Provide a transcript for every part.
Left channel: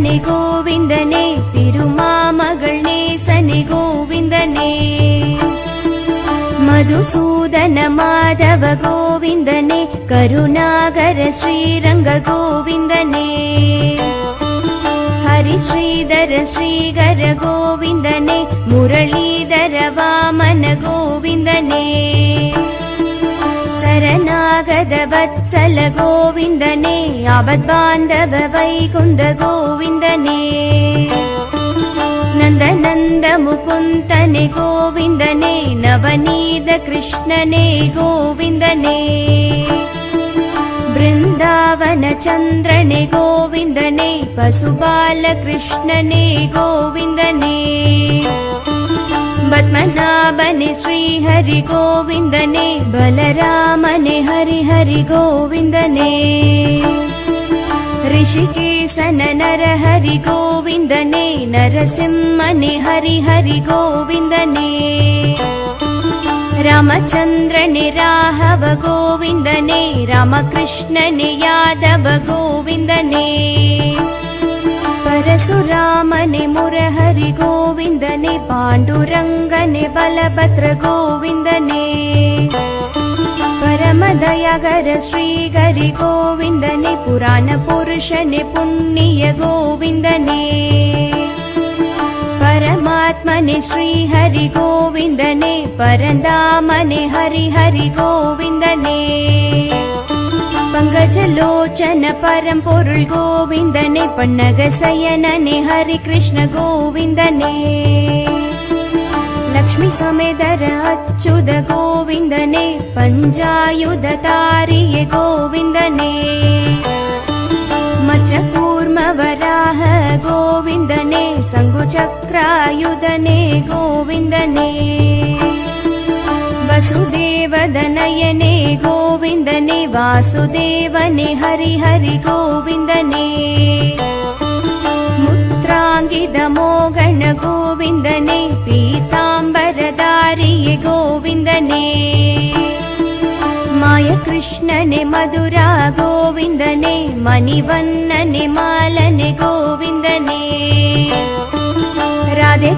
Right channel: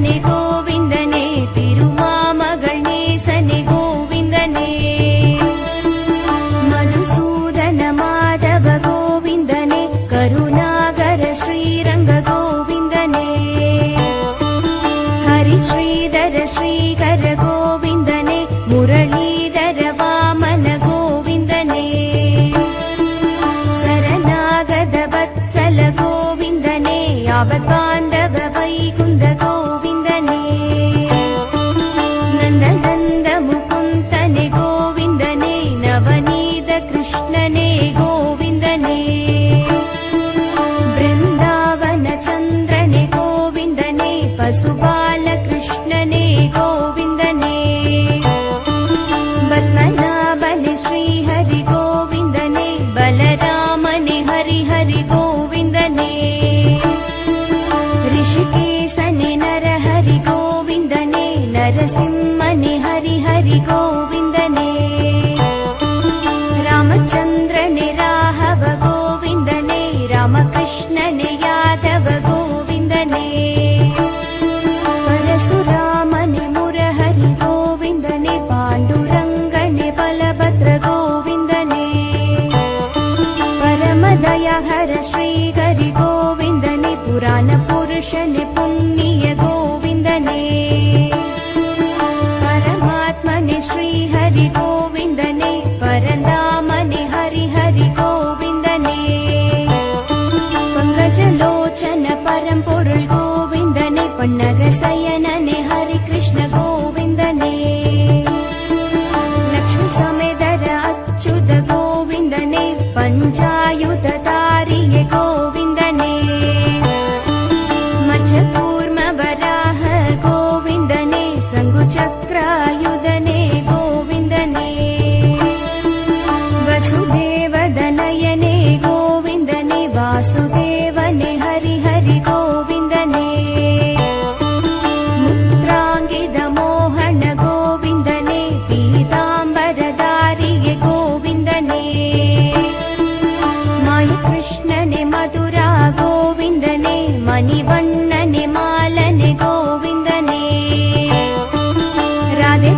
गोविन्दने तिरुमाम गणेशने கோவிந்தனே மதுசூதன மாதவ கோவிந்தனே கருணாகர ஸ்ரீரங்க கோவிந்தனே ஹரி ஸ்ரீதர ஸ்ரீகர गोविन्दने नन्दनन्द मुकुन्तने गोविन्दने नवनीत कृष्णने गोविन्दने बृन्दावन चन्द्रने गोविन्दने पशुपालकृष्णने गोविन्दने बल्मनाभने श्री हरि गोविन्दने बलरामने हरिहरि गोविन्दने ऋषिकेशन नर हरि गोविन्दने नरसिंहनि हरि हरि गोविन्दने रामचन्द्रनि राघव गोविन्दने रामकृष्णनि यादव गोविन्दने परशुरामनि मुरहरि गोविन्दने पाण्डुरङ्गनि बलभद्र गोविन्दने दर्शन पुण्य गोविन्दने परमात्मने श्रीहरि गोविन्दने परनामनि हरि हरि गोविन्दने पङ्गजलोचन परं पुरु गोविन्दने पुनगसयननि हरि कृष्ण गोविन्दने अच्युत गोविन्दने पञ्चायुधतारि य गोविन्दने चक्रायुधने गोविन्दने। वसुदेवदनयने गोविन्दने वासुदेवने हरिहरि गोविन्दने। मुत्राङ्गिदमोघन गोविन्दने पीताम्बरतारि गोविन्दने। मयि कृष्णने मधुरा गोविन्दने मणिवन्नने मालने गोविन्दने।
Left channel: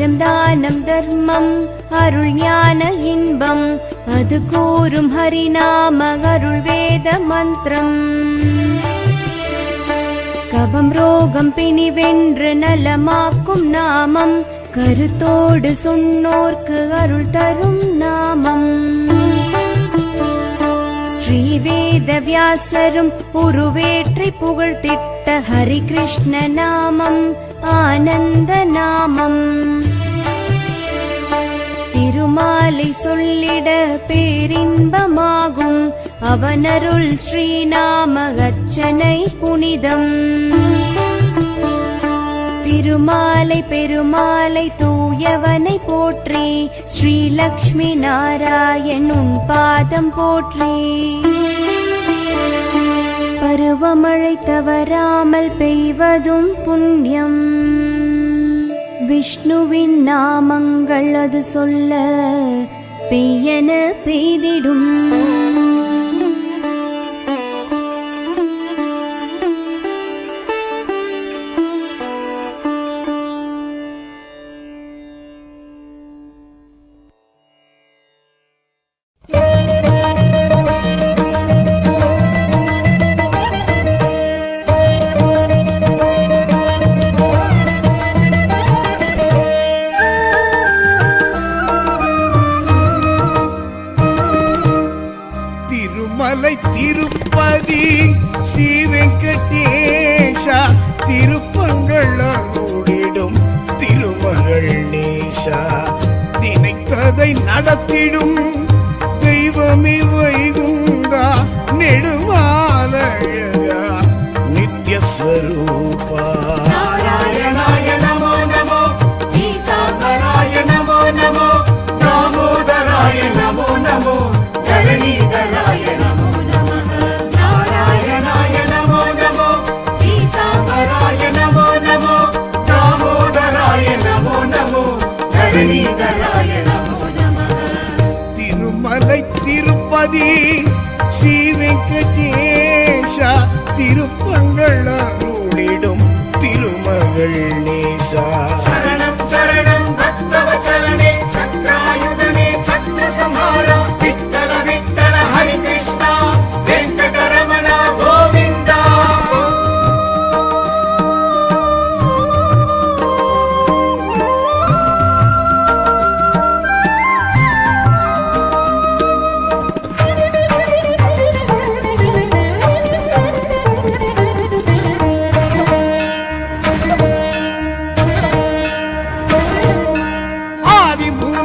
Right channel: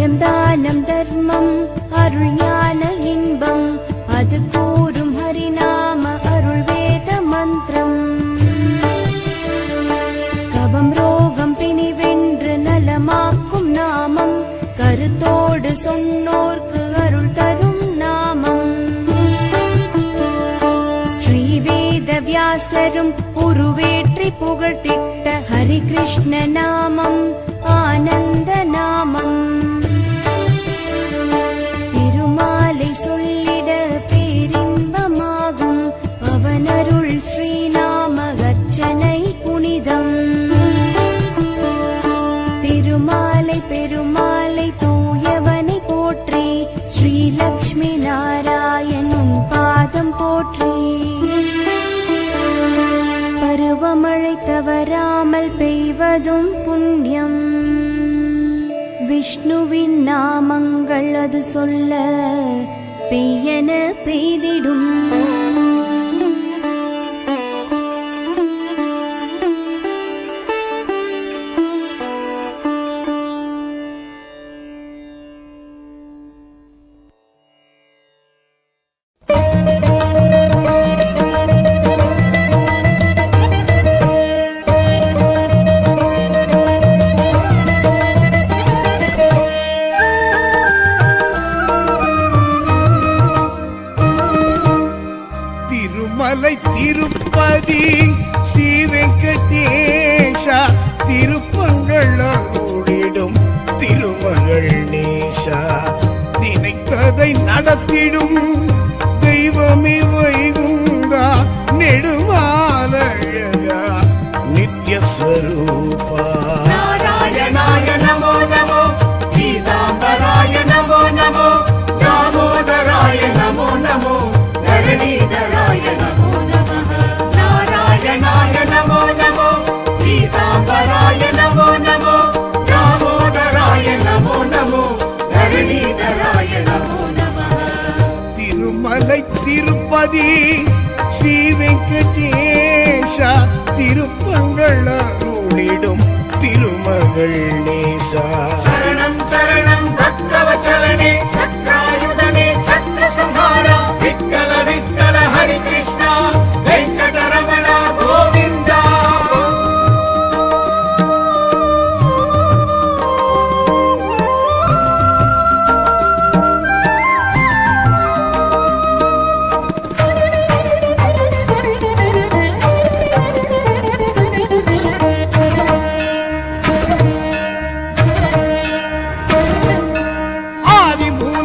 அறம் தானம் தர்மம் அருள் ஞான இன்பம். அது கூறும் ஹரிநாம அருள் வேத மந்திரம். கபம் ரோகம் பிணி வென்று நலமாக்கும் நாமம். கருத்தோடு சொன்னோர்க்கு அருள் தரும் நாமம். ஸ்ரீவேத வியாசரும் உருவேற்றி புகழ்த்திட்ட ஹரி கிருஷ்ண நாமம். ஆனந்த நாமம். சொல்லிட பேரின்பமாகும். அவனருள் ஸ்ரீநாம அர்ச்சனை புனிதம். திருமாலை பெருமாலை தூயவனை போற்றி ஸ்ரீலக்ஷ்மி நாராயணும் பாதம் போற்றி. பருவமழை தவறாமல் பெய்வதும் புண்ணியம். விஷ்ணுவின் நாமங்கள் அது சொல்ல பெய்யன பெய்திடும். மதுரை திருப்பதி ஸ்ரீ வெங்கடேஷா திருப்பங்கள் அருளிடும் திருமகள் நேஷா நினைத்ததை நடத்திடும் தெய்வமே வைகுந்தா நெடுமாலழகா நித்ய ஸ்வரூபா நாராயணாய நமோ நமோ தாமோதராய நமோ நமோ தரணீதராய நமோ. పీతాంబరాయ నమో నమో దామోదరాయ నమో నమో ధరణీధరాయ నమో నమ తిరుమలై తిరుపతి ஸ்ரீ வெங்கடேஷா திருப்பங்கள் அருளிடும் திருமகள் நேசா சரணம்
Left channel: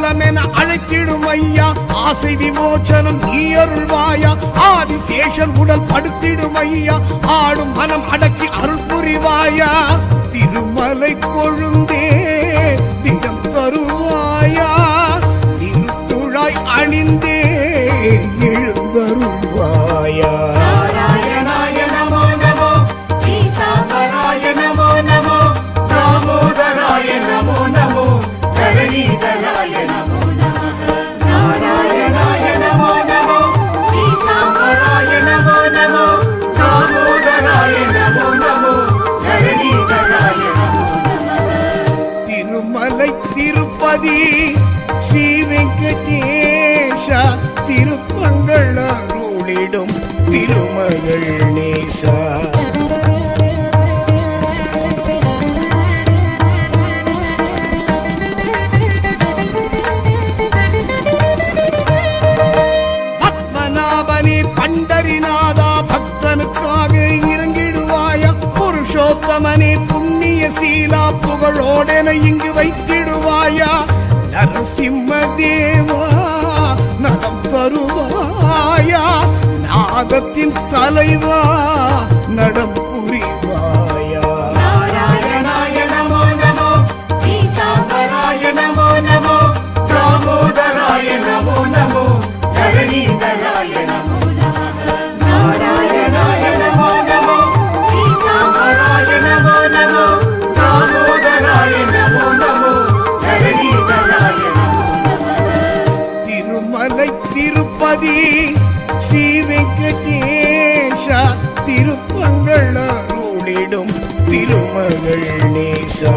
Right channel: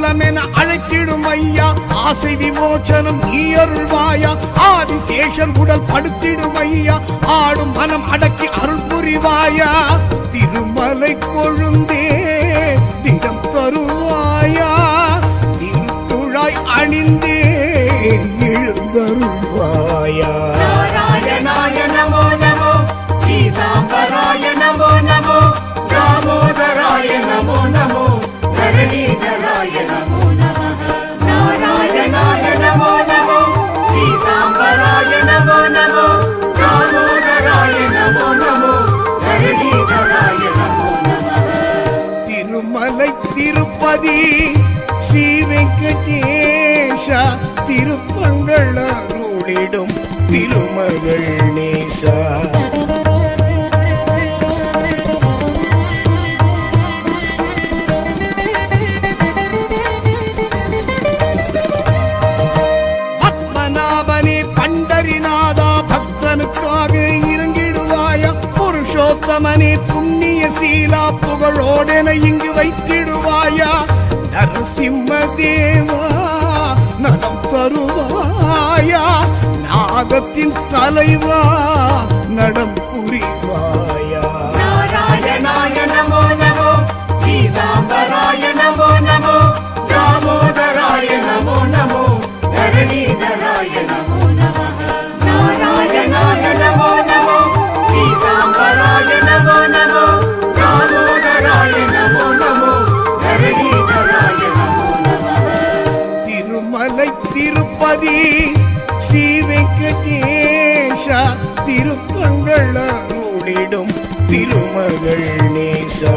ஆதி அழைத்திடும் ஐயா. ஆசை விமோச்சனம் நீ அருள்வாயா ஆதிசேஷன் உடல் படுத்திடும் ஐயா. ஆடும் மனம் அடக்கி அருள் புரிவாயா. திருமலை கொழுந்தே திடம் தருவாயா. திருத்துழாய் அணிந்தே எழுந்தருள்வாயா. நமோ நமோ பீதாம்பராய நமோ நமோ. தாமோதராய நமோ நமோ தரணீதராய நமோ நமः நாராயணாய நமோ நமோ பீதாம்பராய நமோ நமோ தாமோதராய நமோ நமோ தரணீதராய நமோ நமः திருமலை திருப்பதி ஸ்ரீ வெங்கடேஷா திருப்பங்கள் அருளிடும் திருமகள் நேசா. பத்மநாபனே பண்டரிநாதா பக்தனுக்காக இறங்கிடுவாய? புருஷோத்தமனே புண்ணிய சீலா புகழோடென இங்கு வைத்திடுவாயா? நரசிம்ம தேவா நலம் தருவாயா? நாகத்தின் தலைவா நடம் புரிவாயா? தரணீதராய நமோ நமः நாராயணாய நமோ நமோ பீதாம்பராய நமோ நமோ தாமோதராய நமோ நமோ நமோ திருமலை திருப்பதி ஸ்ரீ வெங்கடேஷா திருப்பங்கள் அருளிடும் திருமகள் நேசா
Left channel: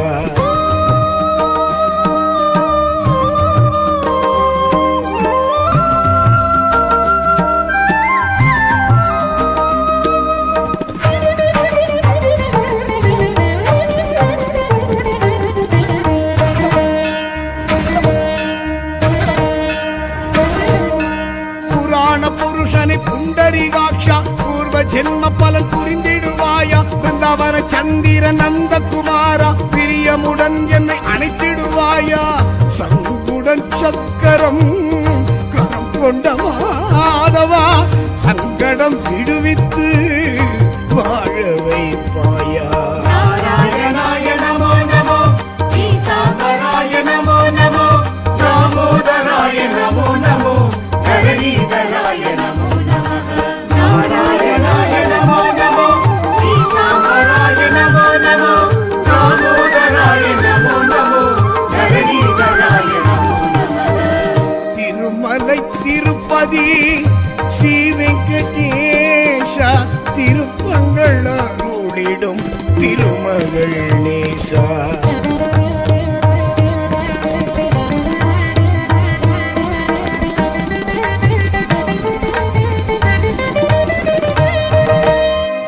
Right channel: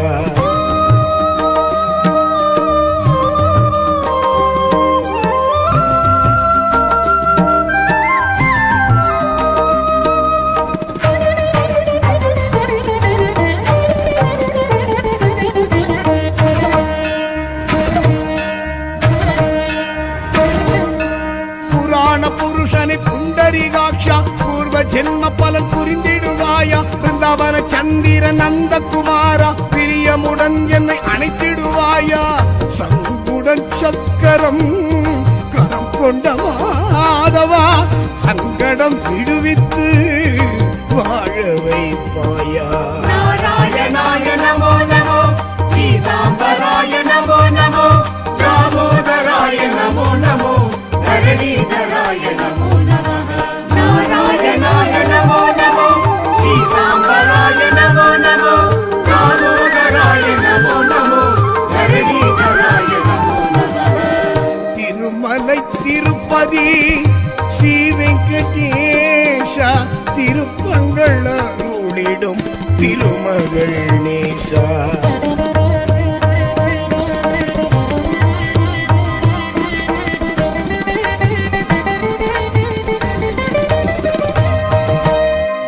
ஜென்ம புரிந்திடுவாயா? பிருந்தாவன சந்திர நந்த குமாரா பிரியமுடன் என்னை அணைத்திடுவாயா? சங்குடன் சக்கரம் கரம் கொண்ட மாதவா சங்கடம் விடுவித்து வாழ வைப்பாயா? நாராயணாய நமோ நமோ திருப்பங்கள் அருளிடும் திருமகள் நேசா.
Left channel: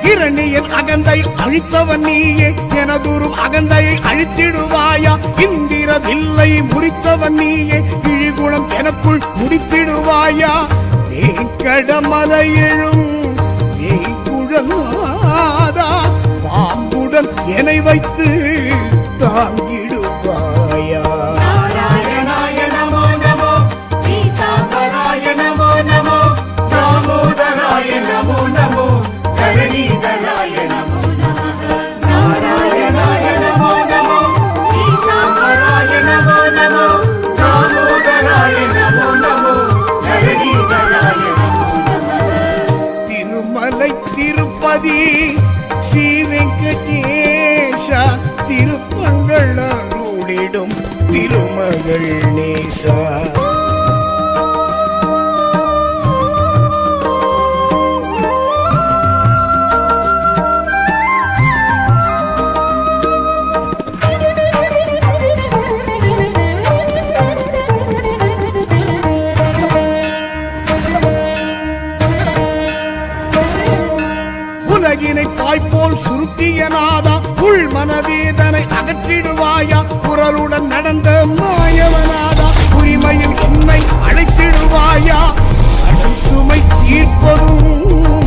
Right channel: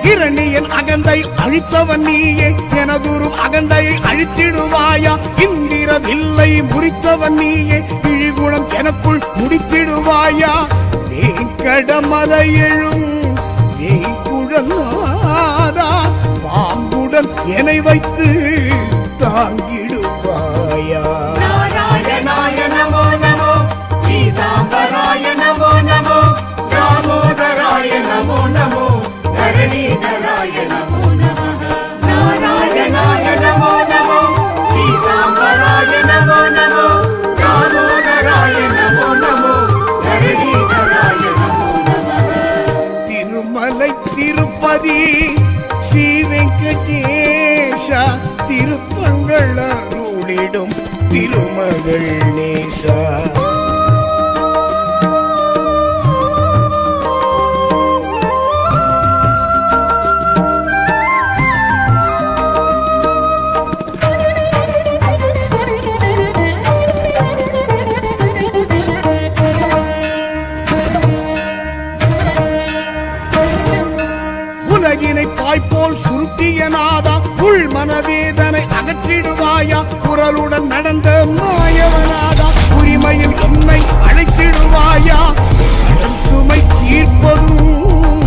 இரணியன் அகந்தை அழித்தவன் நீயே எனதூரும் அகந்தையை அழித்திடுவாயா? இந்திர வில்லை முறித்தவன் நீயே இழிகுணம் எனக்குள் முடித்திடுவாயா? வேங்கடமலை எழும் வேய்குழல் நாதா பாம்புடன் என்னை வைத்து தாங்கிடுவாயா? ஸ்ரீ வெங்கடேஷ திருப்பங்கள் அருளிடும் திருமகள் நேசா. வாய்ப்போல் சுருட்டிய நாதா உள் மனவேதனை அகற்றிடுவாயா? குரலுடன் நடந்த மாயவனாதா? உரிமையில் என்னை அழைத்திடுவாயா? கடும் சுமை தீர்ப்பதும்